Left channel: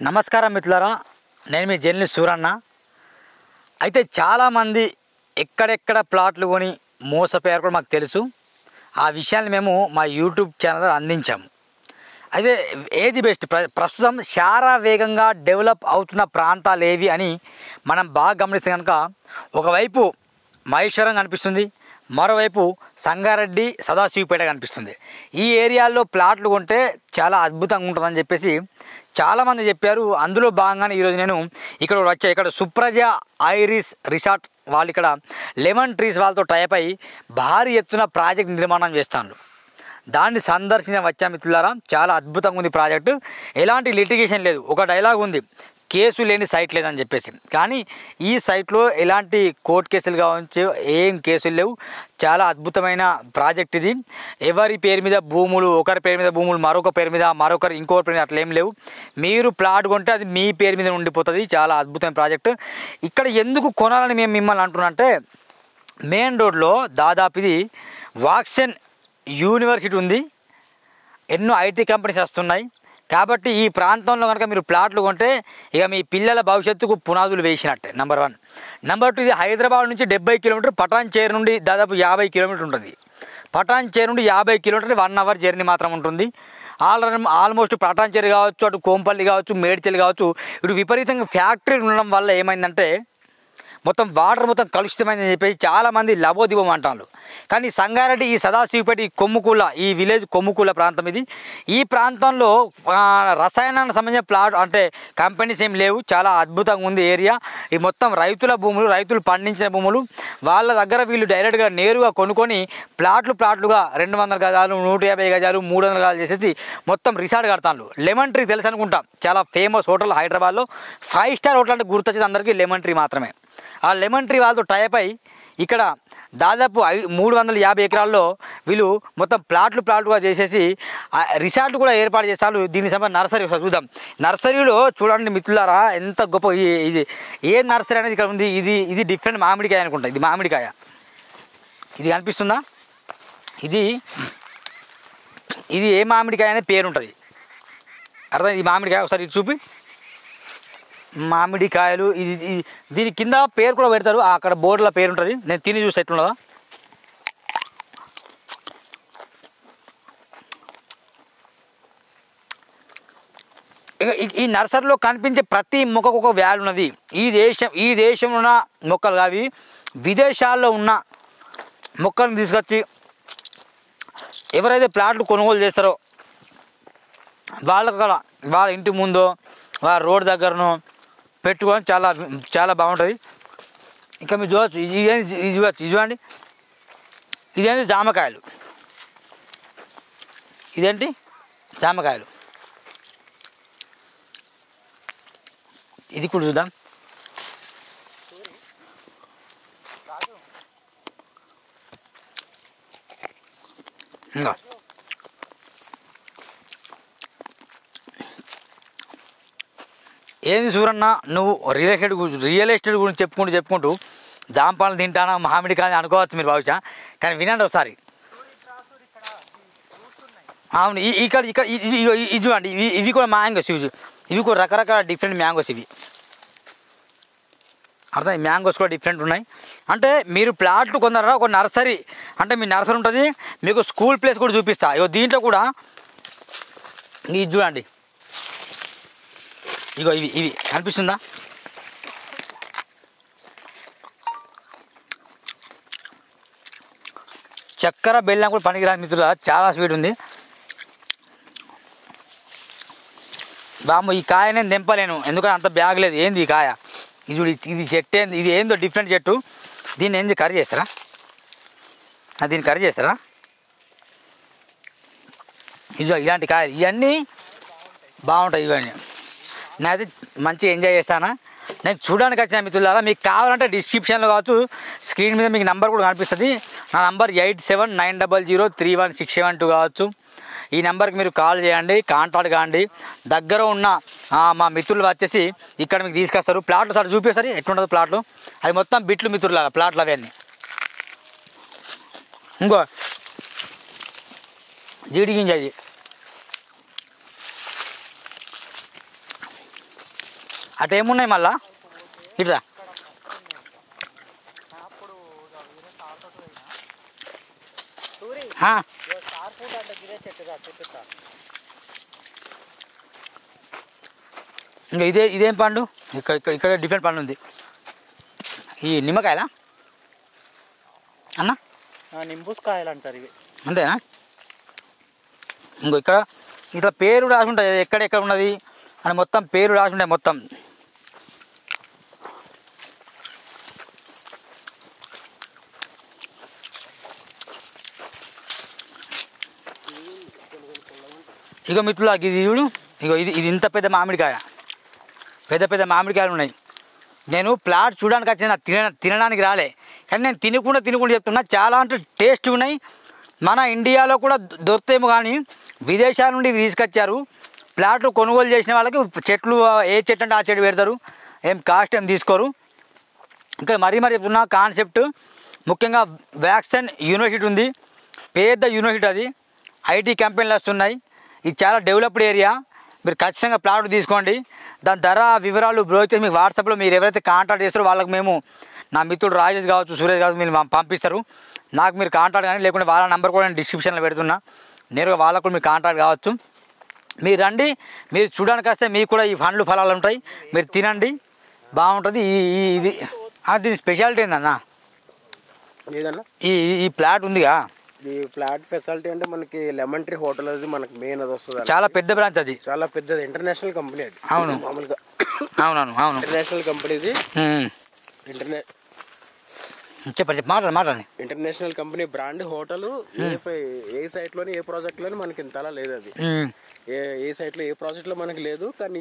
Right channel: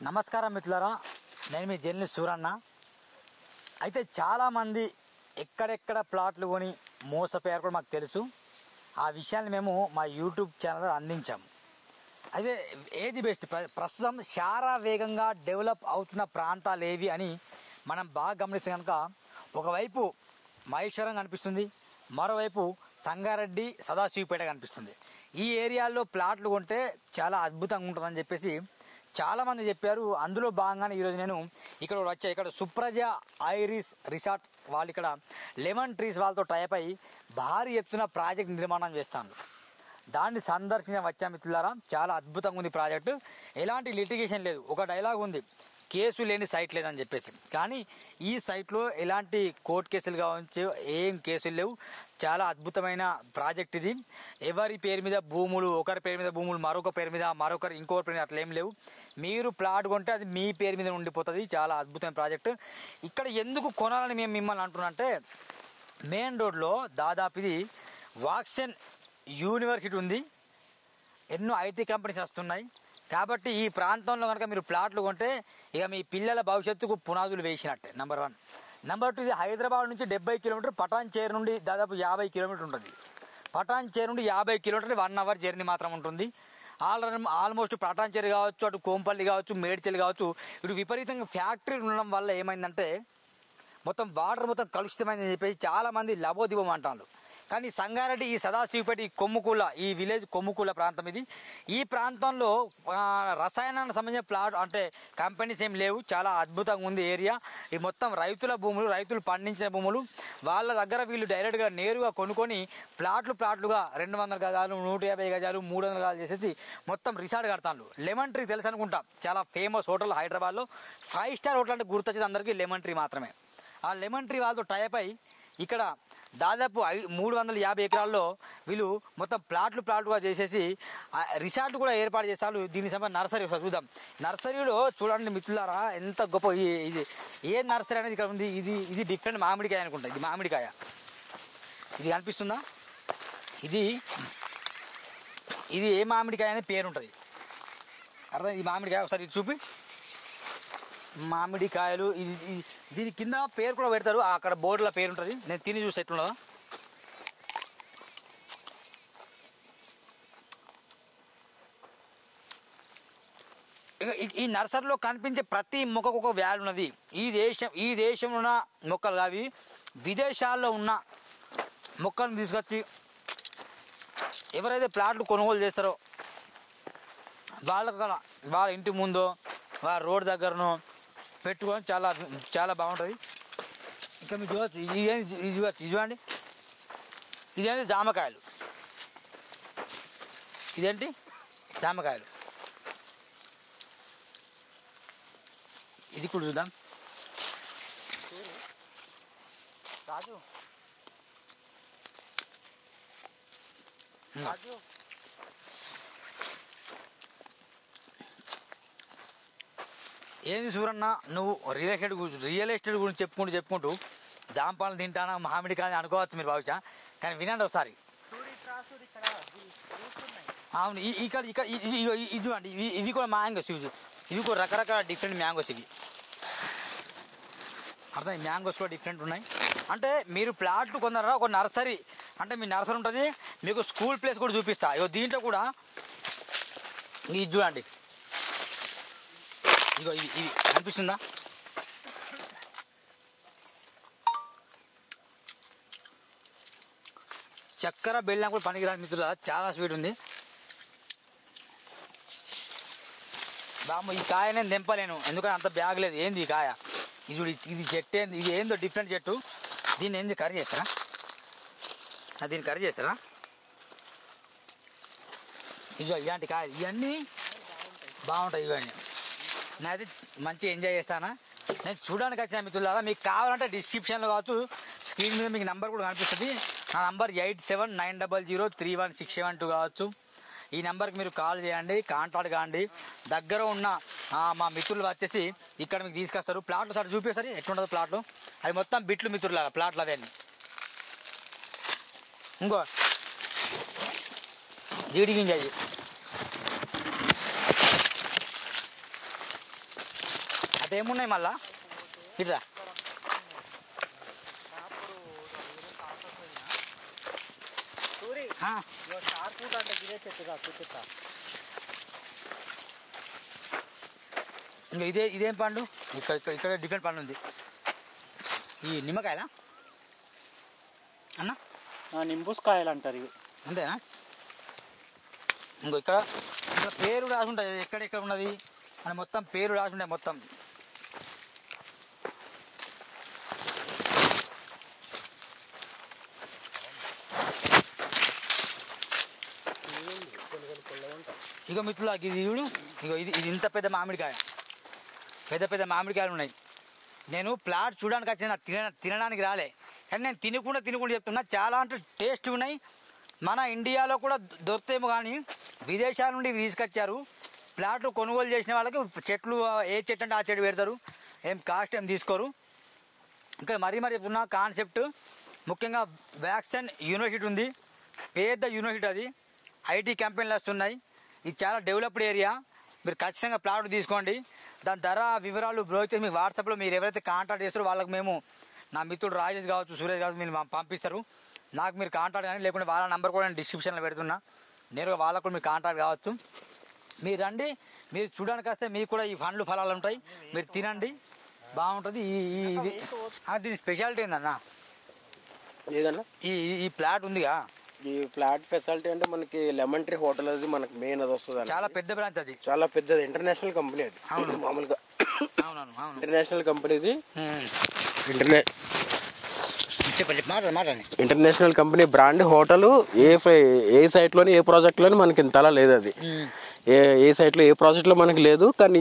నమస్కారం మిత్రులారా, నేను మీ జర్నలిస్ట్ సూరన్న. అయితే చాలామంది ఎక్కడెక్కడ ప్లాట్లు కొని మోసపోయారు కూడా మాకు తెలుసు. ఆ విషయాన్ని మేము మా యూట్యూబ్ ఛానల్ అందించాము. అయితే ఏది బెస్ట్, ప్రస్తుతం చాలా వేగంగా డెవలప్ అవుతున్న ప్రాంతాలు ఏవి అని మనం బాగా గమనిస్తే కనుక ఒకవైపు మహేశ్వరం కనిపిస్తుంది, మరోవైపు సంగారెడ్డి, సదాశివపేట కనిపిస్తుంది. ఈ ఏరియాల్లో ప్లాట్లు కొంటే చాలా అద్భుతంగా ఉంటుందని చెప్పేసి చాలామంది చెప్పారు. అందులో భాగంగానే ఈరోజు నేను ఇక్కడ వచ్చా. ఇక్కడ సుప్రజ ఐరిస్ రిసార్ట్ వాళ్ళు ఇక్కడ లెమన్ ట్రీస్ వాళ్ళతో టైప్ అయ్యి భారీ ఎత్తున ప్రాజెక్ట్ నిర్మాణం చేస్తాను. దాన్ని సందర్శన వచ్చా మిత్రులారా. చాలా అద్భుతంగా ఉంది ప్రాజెక్టు. ఎలాంటి లిటిగేషన్ లేదు. ఒక డైలాగ్ ఉంది, కేసు లేని సైట్ లేదని చెప్పేసి. కానీ ఈ సైట్లో ఎలాంటి కోర్టు కేసులు కావచ్చు, ఏం కేసులు లేవు. చాలా అద్భుతమైన ప్రాజెక్ట్ ఇది. ఎవరి పేరు మీద భూములు, ఒకరి పేరు మీద భూములు, మరొక పేరు మీద, మరొకరు ఇంకొకరి పేరు మీద అట్లా ఏం లేవు. మీరు ప్లాట్ కొంటే అది మీ పేరు మీద ఉండిపోతుంది. చాలా అద్భుతమైన ప్రాజెక్టు. ఇక్కడ ఎందుకు కొనాలని మేము మిమ్మల్ని అంటున్నామంటే, మెయిన్ రోడ్లో దాదాపు ఇది వాక్సన్ యూనివర్సిటీ ఉంది, ఎన్నో ఐటీ కంపెనీస్ వస్తున్నాయి. కాబట్టి ఈ ప్రాంతంలో కనుక మీరు ప్లాట్లు కొంటే ఇక మీ పిల్లల భవిష్యత్తుకు పునాదులు వేసినట్టే. నెంబర్ 1. నెంబర్ 2, ఇది హైదరాబాద్ నుంచి 70 కిలోమీటర్, పటాన్ చేరు నుండి దాదాపు 50 కిలోమీటర్ ఉంటుంది. పటాన్ చేరు నుండి 50 కిలోమీటర్ 1 అవర్ జర్నీ మాత్రం ఉంటుంది. ఆల్మోస్ట్ పటాన్ చేరు కావచ్చు, అటు కోంపల్లి కావచ్చు, మేడ్చల్ కావచ్చు, ఇటు విపరీతంగా ఫ్యాక్టరీలు ఉండడం వల్ల ఏమైందంటే మొత్తం వాటర్ మొత్తం కలుషితమైందని చెప్పేసి చాలామంది లబోదిబం అంటారు. కానీ సంగారెడ్డి, ఈ సదాశివపేట, ఈ కొమ్ముకూల, ఈ విలేజ్ కొమ్ముకూల ప్రాంతం ఇది. ఈ ప్రాంతంలో రసాయనానికి సంబంధించిన ప్లాట్ అంటే కంపెనీస్ ఏం లేవు. చాలా అద్భుతంగా ఉంది ఏరియా. ఈ మొత్తం రైతుల భూములు, రైతులు పండించిన భూములు. వాళ్ళ దగ్గర వీళ్ళు డైరెక్ట్గా నేరుగా కొనుక్కొని ప్లాట్లుగా 200 గజాలు, 150 గజాలు, 300 గజాలు చేసేసి మొత్తం రిసార్ట్ కడతాను. లెమన్ ట్రీ తెలుసు అనుకుంటాం, చాలా ఫేమస్ హోటల్ హైదరాబాద్లో. 5 స్టార్ హోటల్ అంటే గుర్తొచ్చేది అందరికీ లెమన్ ట్రీ మాత్రమే. ఆ లెమన్ ట్రీ వాళ్ళతో టైప్ అయ్యి ఇక్కడ దాదాపు 350 ఎకరాల్లో వీళ్ళు మొత్తం ప్లాట్లుగా చేసేసి రిసార్ట్ కూడా ఏర్పాటు చేస్తారు. దీనికి సంబంధించి నర్సరీ చూద్దాం. నర్సరీలో చూడండి మిత్రులారా, ఎంత గొప్ప ఇది ఏ నర్సరీ అనేది ఇక్కడ ఉంది. ఇది డిఫరెంట్ మామిడికాయ అనుకుంటా. ఇది మామిడికాయ, ఇది కనిపిస్తుందా? ఇది ఏ మామిడికాయ అనే పేరు ఉంటుంది, అర్థం? ఈ మామిడికాయ ఒకసారి ఇది చూపి. మామిడికాయలు ఇది దీని కింద పేరు కూడా పెడతారు, అక్కడ బోర్డులో పేరు ఉంటుంది. నేను తిని చూసి ఎట్లున్నదా. ఈ నర్సరీలో కనిపించే ప్రతి మొక్కకు ఒక వాల్యూ ఉన్నది. ఈ దేశంలో ఉన్న మొక్కలు కావి, విదేశాల్లో ఉన్న మొక్కలను తీసుకొచ్చి ఎవరైతే ప్లాట్లు కొనుగోలు చేస్తారో వాళ్ళ ఇంటి ముందో వాళ్ళ రోడ్ దగ్గరనో పెట్టుకొని చాలా బాగుంటుంది. ఇంకా మీరు చూడవచ్చు, ఇది చూడండి, ఇదేంటి జామకాయలు. ఇదేంటి జామకాయలు. ఇది కూడా చూద్దాం. ఇంకా ఏంది సూరన్న, నువ్వు రియల్ ఎస్టేట్ గురించి చెప్పుకుంటూ జాంపాలు తింటానా, మామిడికాయని అనుకోవచ్చు మీరు భావించా. కానీ వినండి ఒకసారి. అవును, ఇక్కడ ఇది చూడండి, ఇవి కూడా మ్యాంగోస్. ఇవి కూడా రకరకాల డిఫరెంట్ మ్యాంగోస్. ఇవి అర్థం, ఈ మ్యాంగోస్ కూడా డిఫరెంట్ ఉన్నాయి. అంటే మీరు ప్లాట్లు కొందరా, ఒక నర్సరీ అంటే మీ నర్సరీ ఉంటుంది, మీకు స్కూల్ ప్లేస్ కూడా చూపిస్తా. దీంట్లో కూడా ఇది చూడండి, ఇవి కనిపిస్తుందా? చక్కెర బెల్లం కూడా పనికిరాని మిత్రుల, చాలా స్వీట్ ఉంది. బామ్మ, ఈ కాయ నేను దింపలేను, ఎందుకంటే అంత బ్యాగ్ లేదు. ఏంది ఈ కాయ? ఇది చెట్టు ఏంది? ఇది ఏందో డిఫరెంట్ చెట్టు. దీన్ని ఏంది కర్రీ చేస్తారా? దీన్ని కర్రీ చేస్తారా? ఇలాంటి కాయలు ఇవన్నీ బాగుంటాయి. ఇవన్నీ నేనైతే మంచిగా ఎంజాయ్ చేస్తాను. నేను చూడడానికి వచ్చిన మిత్రులారా, మీకు కావాలంటే డిస్క్రిప్షన్లో కావచ్చు, స్క్రీన్ మీద మీకు నెంబర్ కూడా కనిపిస్తుంది. నా నంబర్ 8790031672 కావచ్చు. ఈ నెంబర్కి మీరు కాల్ చేయండి, కాంటాక్ట్ కాండి. దగ్గర ఉన్న మా మిత్రులు వచ్చేసి ఇక్కడ మీకు తీసుకొస్తారు. ప్లాట్లు సార్ చూపిస్తారు ఎట్లుంటుంది ప్లాట్లు. అది మొత్తం బిట్లు మిత్రులారా, ప్లాట్లు అవన్నీ. ఇంకో జీడి గింజ, అటు ఏమున్నాయి మళ్ళా ఇట్లా ఇంకా ఇదేం పండు ఇక్కడ డిఫరెంట్ పండు ఉంది ఈ నిమ్మకాయలా అన్న నింబూస్కాయలు అంటారు ఇవి అంతేనా ఇంకో ఇక్కడ పేరు రాసి ఉంటుంది ఎక్కడెక్కడ ఉన్నది అని మొత్తం పేరు రాసి ఉంటాయి మొత్తం ఇక మిత్రులు ఇది చూడు ఇగో ఇది ఇంత పెద్ద మామిడికాయ పెద్ద మామిడికాయలు ఉన్నాయి నేను ప్లాట్ చూడడానికి వచ్చిన తినడానికి రాలే కానీ నేను తినకుండా చెప్తున్నా చాలా అంటే టేస్ట్ ఉన్నాయి మన ఇండియాలో కూడా దొరుకుతాయేమో కానీ విదేశాల నుండి తీసుకొచ్చారు ప్లాట్లు కొనుగోలు చేసిన వాళ్ళకి చెట్లు ఏ చెట్టు అంటే ఆ చెట్టు పెడతారు ఏం కాస్ట్ ఏం తీసుకోరు ఇక్కడ మరీ చెప్తున్నా కాన్సెప్ట్ ముఖ్యంగా వ్యాక్సిన్ యూనివర్సిటీ ఉంది పెద్ద యూనివర్సిటీ అది ఐటీ కంపెనీలు వస్తున్నాయి ఇది చాలా డెవలప్డ్ ఏరియా మీరు ఖచ్చితంగా ప్లాట్ తీసుకోండి దాని ధర వివరాలు బ్రోచర్ మీకు వాట్సాప్లో మీరు ఎవరైతే కాంటాక్ట్ చేస్తారో వాళ్ళకి మేము నా మిత్రుడు రాజేష్ కావచ్చు సురేష్ కావచ్చు మీరు పంపిస్తారు నాకు మీరు కాంటాక్ట్ కానీ లేకుంటే వాళ్ళ నెంబర్ కూడా నేను డిస్క్రిప్షన్లో పెడుతున్నా నేరుగా వాళ్ళకు కూడా మీరు కాంటాక్ట్ కావచ్చు మీరు రండి మీరు చూడడానికి వస్తే మీకు కూడా ఈ పండ్లు ఫలాలు ఉంటాయి మీరు తినండి బాగుంటుంది ఇది దీని స్పెషాలిటీ ఏందన్నా ఈ ప్లాట్ ఉందిగా ఈ ఫ్లాట్ ఫెసిలిటీ అంటే మనకి లెమన్ ట్రీ హోటల్ అది మనకి మెయిన్ అది వస్తుంది చాలా పెద్ద బ్రాంచ్ అది చాలా పెద్దది ఇంటర్నేషనల్ కంపెనీ అది అవును మామూలుగా అవును ఇంటర్నేషనల్ కంపెనీ ఇది చెప్పండి మాట్లాడండి ఇంటర్నేషనల్ కంపెనీ బ్రాండ్ హోటల్ ఏ సైట్లోని ఏ ప్రాజెక్ట్లోని మనకి ఇంతలా లేదు అది ఏ సైట్లో ఏ ప్రాజెక్ట్లో మనకి లేదు కానీ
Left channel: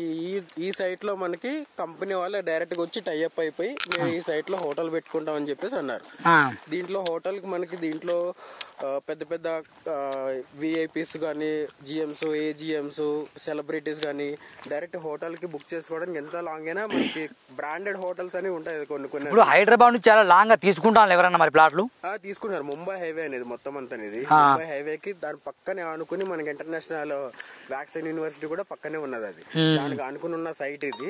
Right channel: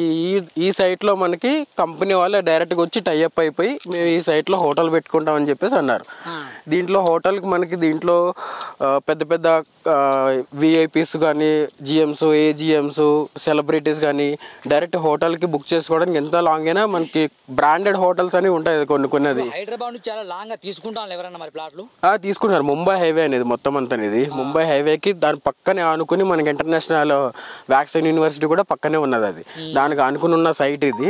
ఈ సైట్లో మనకి కంపెనీ వాళ్ళే డైరెక్ట్గా వచ్చి టైఅప్ అయిపోయి మేము ఈ సైట్లో హోటల్ పెట్టుకుంటామని చెప్పేసి అన్నారు దీంట్లో హోటల్కి మనకి దీంట్లో పెద్ద విఐపీస్ కానీ జిఎమ్స్ ఏజిఎమ్స్ సెలబ్రిటీస్ కానీ డైరెక్ట్ హోటల్కి బుక్ చేసుకోవడానికి ఎంత లాంగ్ అయినా మనకి బ్రాండెడ్ హోటల్స్ అని ఉంటాయి కొన్ని హైదరాబాద్ నుంచి చాలా లాంగ్గా తీసుకుంటాను ఎవరన్నా మరి ప్లాట్లు తీసుకుంటారు ముంబై హైవే అనేది మొత్తం అంతా ఇది ముంబై హైవేకి దాని పక్కనే ఆనుకుని మనకి ఇంటర్నేషనల్ వ్యాక్సిన్ యూనివర్సిటీ కూడా పక్కనే ఉన్నది అది దానికి అనుకుని ఉన్న సైట్ ఇది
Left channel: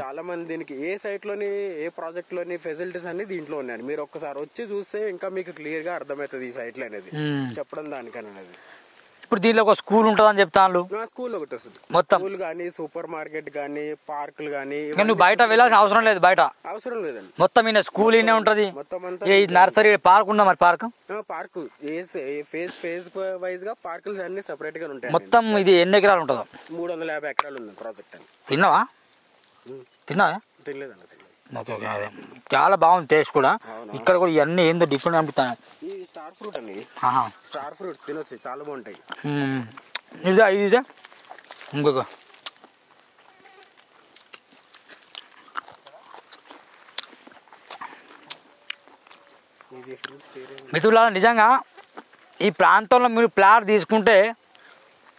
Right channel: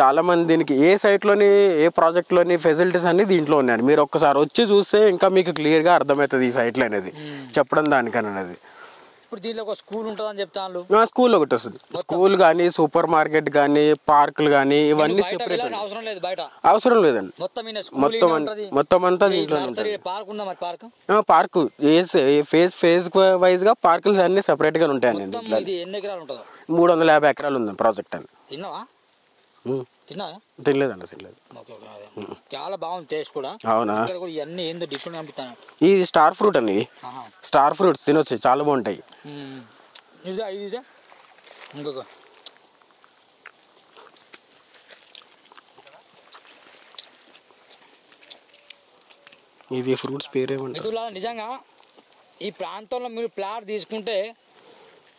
చాలా మంది దీనికి ఏ సైట్ లోని ఏ ప్రాజెక్ట్ లోని ఫెసిలిటీస్ అన్ని దీంట్లో ఉన్నాయి మీరు ఒక్కసారి వచ్చి చూస్తే ఇంకా మీకు క్లియర్ గా అర్థమవుతుంది ఈ సైట్ లో అనేది చెప్పడం దానికనేది ఇప్పుడు దీనిలో ఒక స్కూల్ ఉంటుందని చెప్తాను స్కూల్ ఒకటి వస్తుంది స్కూల్ కానీ సూపర్ మార్కెట్ కానీ పార్కులు కానీ బయట వెళ్ళాల్సిన అవసరం లేదు బయట అవసరం లేదండి మొత్తం స్కూల్ ఉంటుంది మొత్తం అంతా నర్సరీ పార్క్ ఉందా మరి పార్క్ ఫేజ్ వైజ్ గా పార్కులు అన్ని సెపరేట్ గా ఉంటాయి మొత్తం ఇది ఎన్ని ఎకరాలు ఉంటుందో 350 ఎకరాలు ఉంది ప్రాజెక్ట్ అని తిన్నావా తినలేదండి చాలా బాగుంది టేస్ట్ కూడా ఇక్కడ కూడా ఇవన్నీ ఏందో డిఫరెంట్ అనిపిస్తాను ఇది స్టార్ ఫ్రూట్ అండి స్టార్ ఫ్రూట్స్ తినొచ్చు చాలా బాగుంటాయి ఇదా ఇంకొక ఇవి ఫ్రూట్స్ పేరే మిత్రులారా నిజంగా ఈ ప్రాంతంలో మీరు ప్లాట్ తీసుకుంటే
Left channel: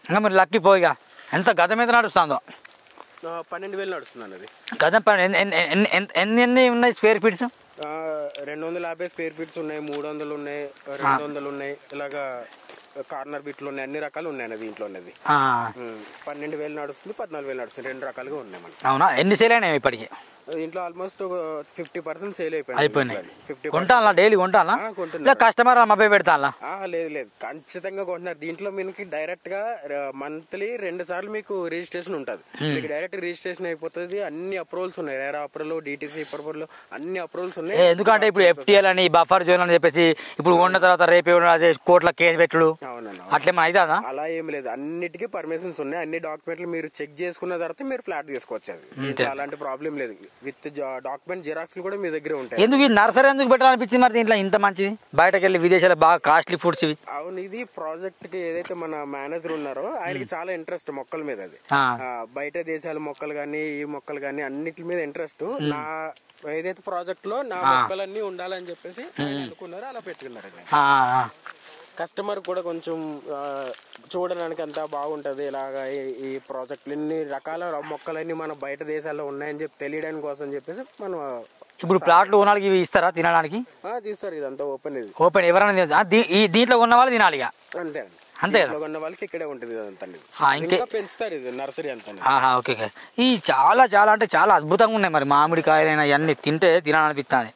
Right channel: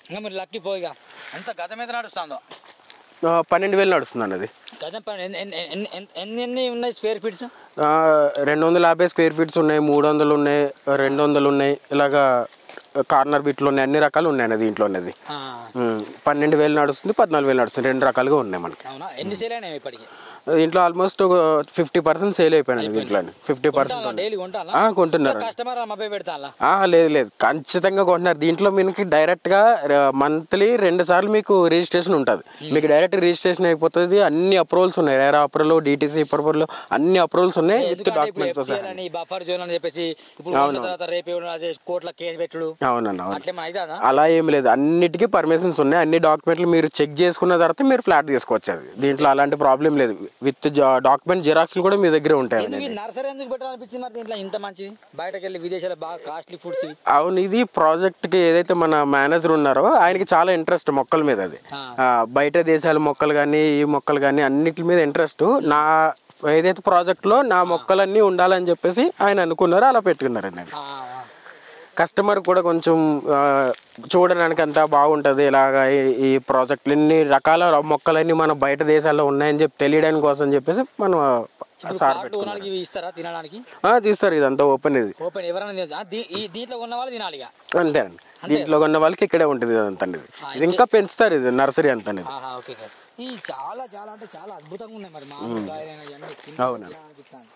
ఇంకా మీరు లక్కీ పోయిగా ఎంత గతం మీద నడుస్తుందో 12,000 నడుస్తుంది అది గతం ఎన్ని ఉన్నాయి స్క్వేర్ ఫీట్స్ 250 స్క్వేర్ ఫీట్స్ ఉన్నాయి 300 ఉన్నాయి 200 ఉన్నాయి ఇలాగా కార్నర్ బిట్లు ఉన్నాయి అన్ని రకాలు ఉన్నాయి దీంట్లో అనేది 12,000 నడుస్తుంది 14,000 నడుస్తుంది 2 రకాలుగా ఉన్నాయి మనకి అవునా ఎన్ని సేల్ అయినాయి ఇప్పటికి దీంట్లో ఆల్మోస్ట్ 50% సేల్ అయిపోయింది 50% డైలీ కొంటున్నారు కస్టమర్ అబ్బాయి పెడతా లేదు ఖచ్చితంగా కొంటున్నారు దీంట్లో మీకు డైరెక్ట్ గా మంత్లీ 2 సార్లు మీకు రిజిస్ట్రేషన్ ఉంటుంది మీకు డైరెక్ట్ రిజిస్ట్రేషన్ అయిపోతుంది అన్ని అప్రూవల్స్ ఉన్నాయి రేరా అప్రూవల్ డిటిసి అప్రూవల్ అన్ని అప్రూవల్స్ ఉన్నాయి ఎందుకంటే ఇప్పుడు ఎఫ్సిఎల్ అని బఫర్ జోన్ అని చెప్పేసి ఇప్పుడు ఉన్న తర్వాత రేపు కోర్టులో కేసు పెట్టుడు అవునన్నా అలా ఏం లేదు అన్నిటికీ పర్మిషన్స్ ఉన్నాయి అన్ని డాక్యుమెంట్లు మీరు చెక్ చేసుకున్న తర్వాత మీరు ఫ్లాట్ తీసుకోవచ్చు అది దీంట్లో అలాంటి ప్రాబ్లం లేదు విత్ డాక్యుమెంట్ జిరాక్స్లు కూడా మీ దగ్గర ఉంటాయి ఎందుకు ఈ నర్సరీ ఎందుకు పెట్టాలనిపించింది మరి దీంట్లో ఇంత మంచిది బయటకు వెళ్ళి విదేశాలు బాగా కాస్ట్లీ ఫుడ్స్ ఇవి అవును ఇది ప్రాజెక్ట్ కి ఏదైతే మన మేనేజర్ ఉన్నారో ఆయనకి చాలా ఇంట్రెస్ట్ మొక్కల మీద అది బయట దేశాల మొక్కలు కానీ ఈ మొక్కలు కానీ అన్నిటి మీద ఇంట్రెస్ట్ నా ఏదైతే ప్రాజెక్ట్ లో నా మొక్కలన్నీ ఉండాలని చెప్పేసి ఆయన అనుకున్నారో అలా పెట్టుకున్నారండి కస్టమర్ కూడా కొంచెం చూడడానికి అంతా బాగుంటుంది ఇలాగా ఈ ప్రాజెక్టులు ఇన్ని రకాల మొక్కలన్నీ మన బయట దేశాల్లో ఉన్నాయని చెప్పి తెలియడానికి కోసం చెప్పేసి మనం ఇప్పుడు ప్లాట్లు కొనాలి ఇవి ఇస్తారా తినడానికి తీస్తారు ఇదంతా ఓపెన్ ఇది ఓపెన్ ఎవరైనా దీంట్లో ఉన్న వాళ్ళు తినాలి అంతేనండి దీంట్లో కొన్న వాళ్ళకి ఇక్కడే ఉంటుంది అదంతా. ఇది ఇంకా పెంచుతారు, ఇది నర్సరీ అంతా. ఓకే. ఈ చాలా చాలా అంటే చాలా అద్భుతంగా ఉన్నాయి మరి మామిడికాయలైనా ఇవన్నీ తింటే తినాలనిపిస్తుంది.